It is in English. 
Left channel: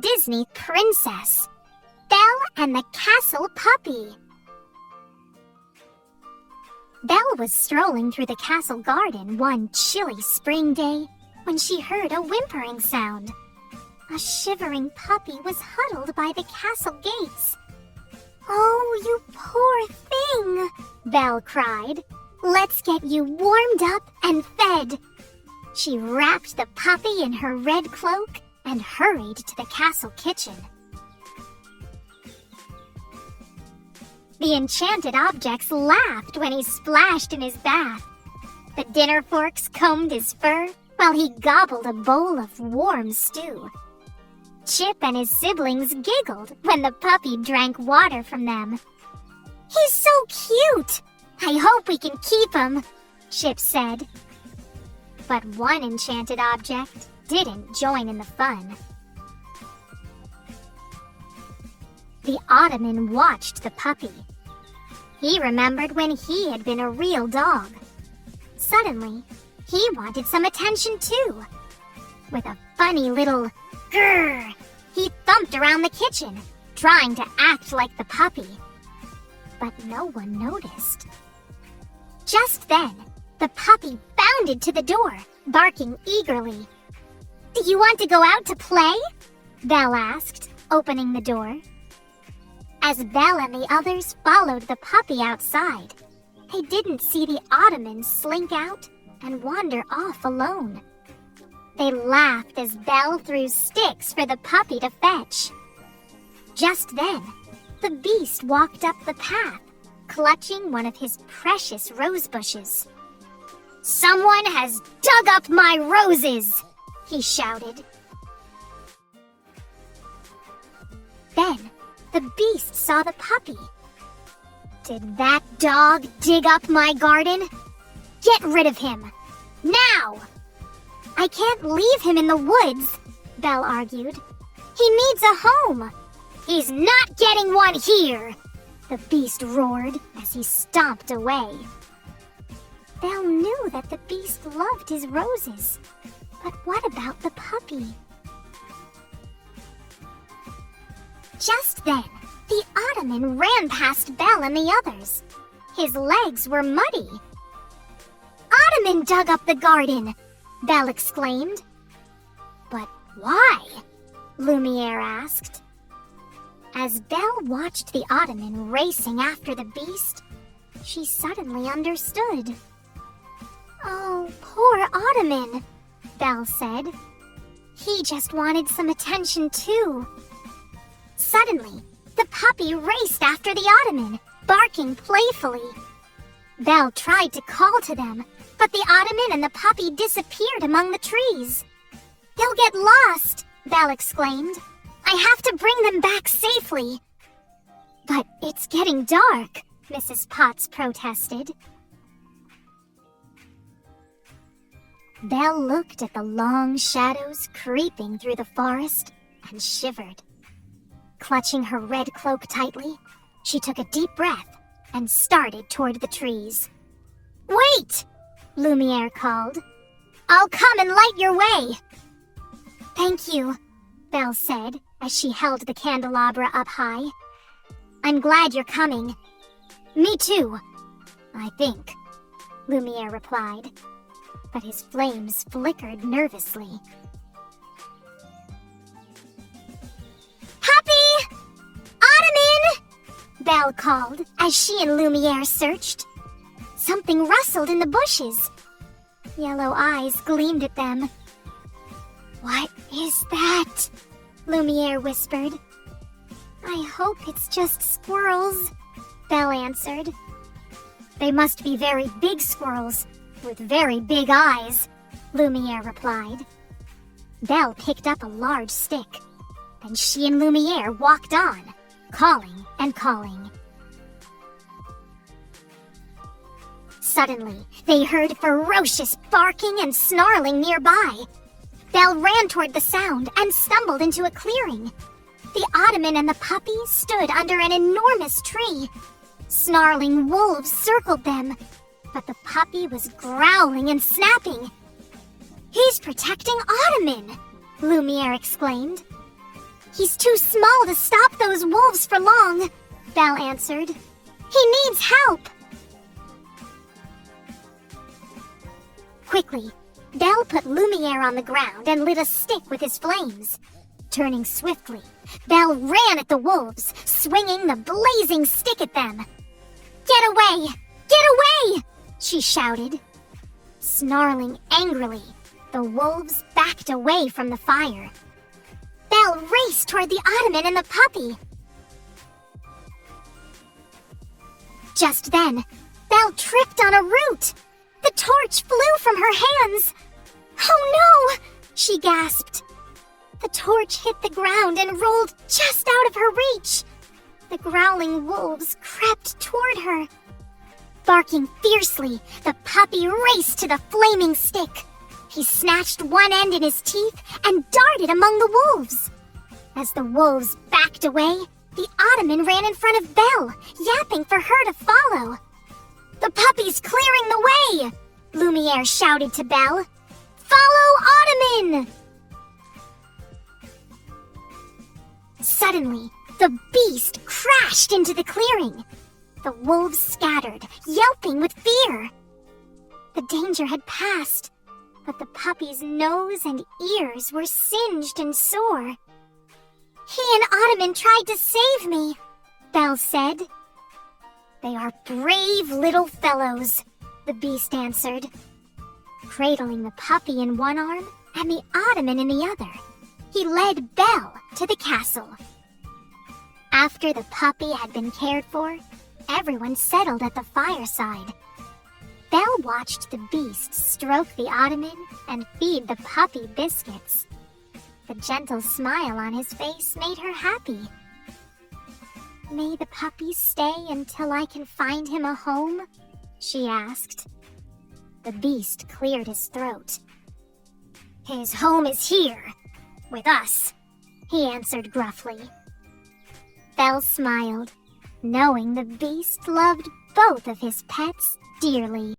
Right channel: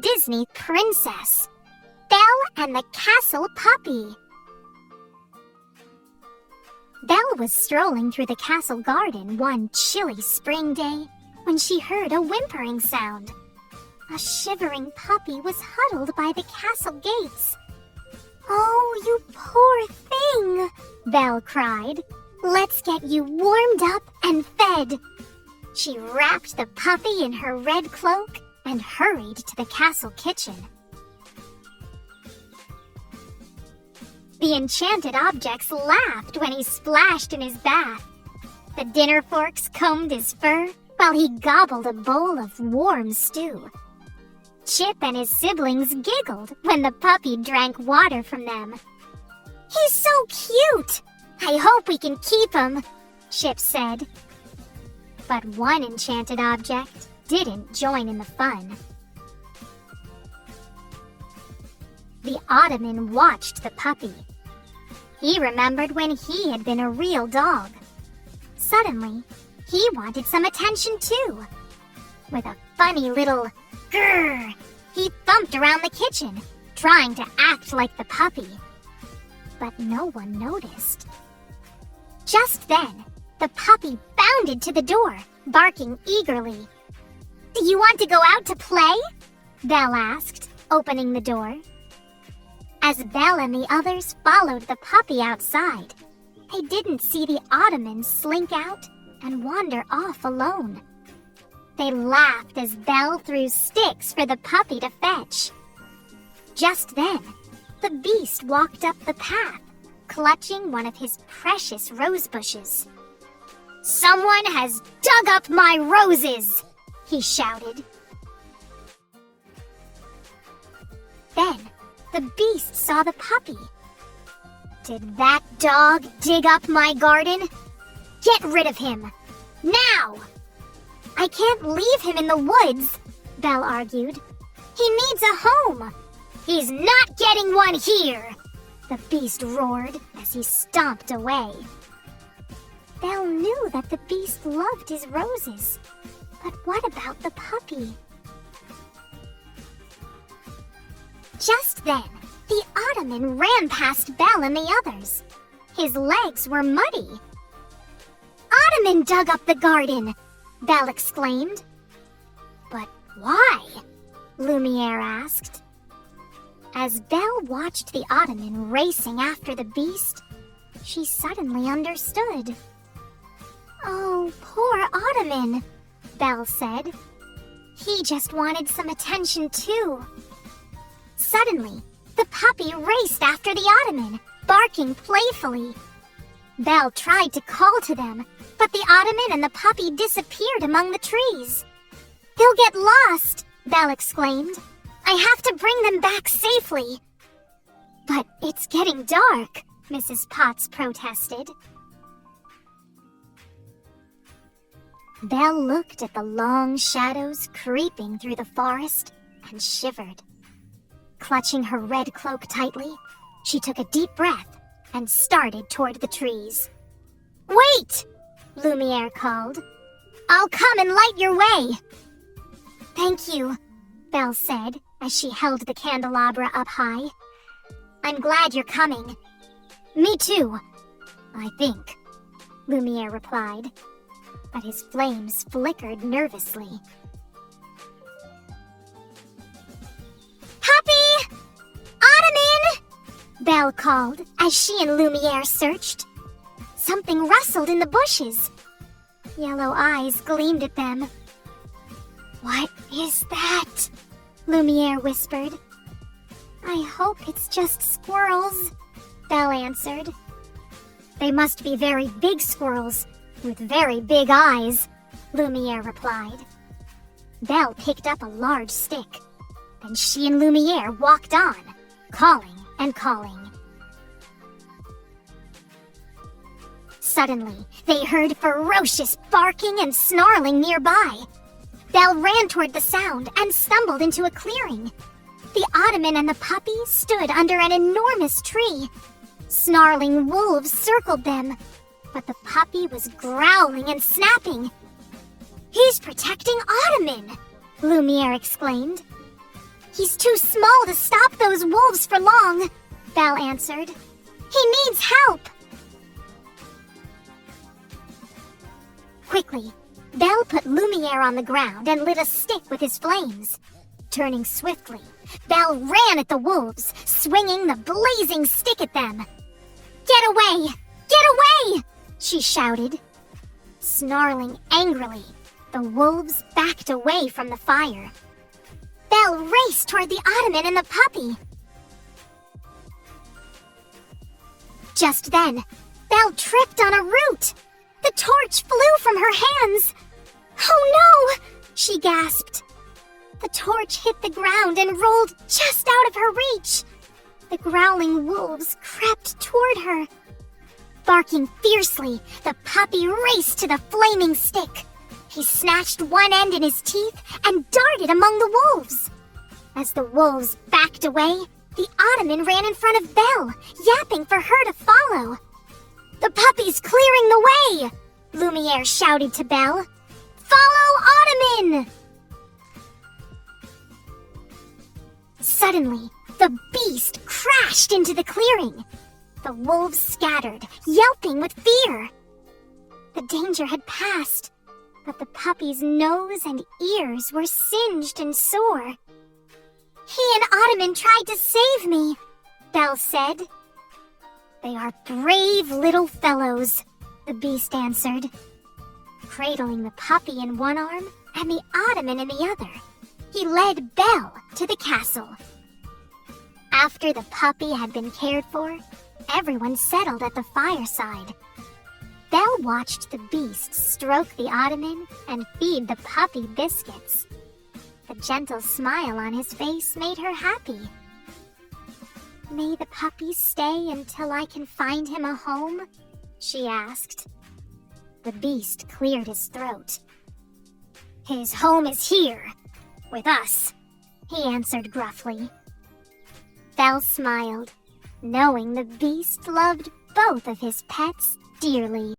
Disney Princess, Belle and the Castle Puppy. Belle was strolling through the castle garden one chilly spring day when she heard a whimpering sound. A shivering puppy was huddled by the castle gates. "Oh, you poor thing," Belle cried. "Let's get you warmed up and fed." She wrapped the puppy in her red cloak and hurried to the castle kitchen. The enchanted objects laughed when he splashed in his bath. The dinner forks combed his fur while he gobbled a bowl of warm stew. Chip and his siblings giggled when the puppy drank water from them. "He's so cute! I hope we can keep him," Chip said. But one enchanted object didn't join in the fun. The Ottoman watched the puppy. He remembered when he had been a real dog. Suddenly, he wanted some attention too. With a funny little grrr, he thumped around the kitchen, trying to act like the puppy. But no one noticed. Just then, the puppy bounded to the door, barking eagerly. "Do you want to go out to play?" Belle asked, opening the door. As Belle and the others followed the puppy outside, they didn't see the Ottoman slink out and wander off alone. They laughed as Belle threw sticks for the puppy to fetch. Just then, the beast walked up the path, clutching one of his precious rose bushes. "Someone has dug up my roses!" he shouted. Then, the beast saw the puppy. "Did that dog dig up my garden? Get rid of him! Now!" "I can't leave him in the woods," Belle argued. "He needs a home." "He's not getting one here!" the beast roared as he stomped away. Belle knew that the beast loved his roses. But what about the puppy? Just then, the Ottoman ran past Belle and the others. His legs were muddy. "Ottoman dug up the garden!" Belle exclaimed. "But why?" Lumiere asked. As Belle watched the Ottoman racing after the beast, she suddenly understood. "Oh, poor Ottoman," Belle said. "He just wanted some attention too." Suddenly, the puppy raced after the Ottoman, barking playfully. Belle tried to call to them, but the Ottoman and the puppy disappeared among the trees. "They'll get lost," Belle exclaimed. "I have to bring them back safely." "But it's getting dark," Mrs. Potts protested. Belle looked at the long shadows creeping through the forest and shivered. Clutching her red cloak tightly, she took a deep breath and started toward the trees. "Wait!" Lumiere called. "I'll come and light your way." "Thank you," Belle said as she held the candelabra up high. "I'm glad you're coming." "Me too, I think," Lumiere replied, but his flames flickered nervously. "Puppy! Ottoman!" Belle called as she and Lumiere searched. Something rustled in the bushes. Yellow eyes gleamed at them. "What is that?" Lumiere whispered. "I hope it's just squirrels," Belle answered. "They must be very big squirrels with very big eyes," Lumiere replied. Belle picked up a large stick. Then she and Lumiere walked on, calling and calling. Suddenly, they heard ferocious barking and snarling nearby. Belle ran toward the sound and stumbled into a clearing. The Ottoman and the puppy stood under an enormous tree. Snarling wolves circled them, but the puppy was growling and snapping. "He's protecting Ottoman!" Lumiere exclaimed. He's too small to stop those wolves for long, Belle answered. He needs help. Quickly, Belle put Lumiere on the ground and lit a stick with his flames. Turning swiftly, Belle ran at the wolves, swinging the blazing stick at them. Get away! Get away! She shouted. Snarling angrily, the wolves backed away from the fire. Belle raced toward the ottoman and the puppy. Just then, Belle tripped on a root. The torch flew from her hands. Oh no! She gasped. The torch hit the ground and rolled just out of her reach. The growling wolves crept toward her. Barking fiercely, the puppy raced to the flaming stick. He snatched one end in his teeth and darted among the wolves. As the wolves backed away, the ottoman ran in front of Belle, yapping for her to follow. The puppy's clearing the way! Lumiere shouted to Belle. Follow Ottoman! Suddenly, the beast crashed into the clearing. The wolves scattered, yelping with fear. The danger had passed, but the puppy's nose and ears were singed and sore. He and Ottoman tried to save me, Belle said. They are brave little fellows, the beast answered, cradling the puppy in one arm and the ottoman in the other. He led Belle to the castle. After the puppy had been cared for, everyone settled at the fireside. Belle watched the beast stroke the ottoman and feed the puppy biscuits. The gentle smile on his face made her happy. May the puppy stay until I can find him a home? She asked. The beast cleared his throat. His home is here, with us, he answered gruffly. Belle smiled, knowing the beast loved both of his pets dearly.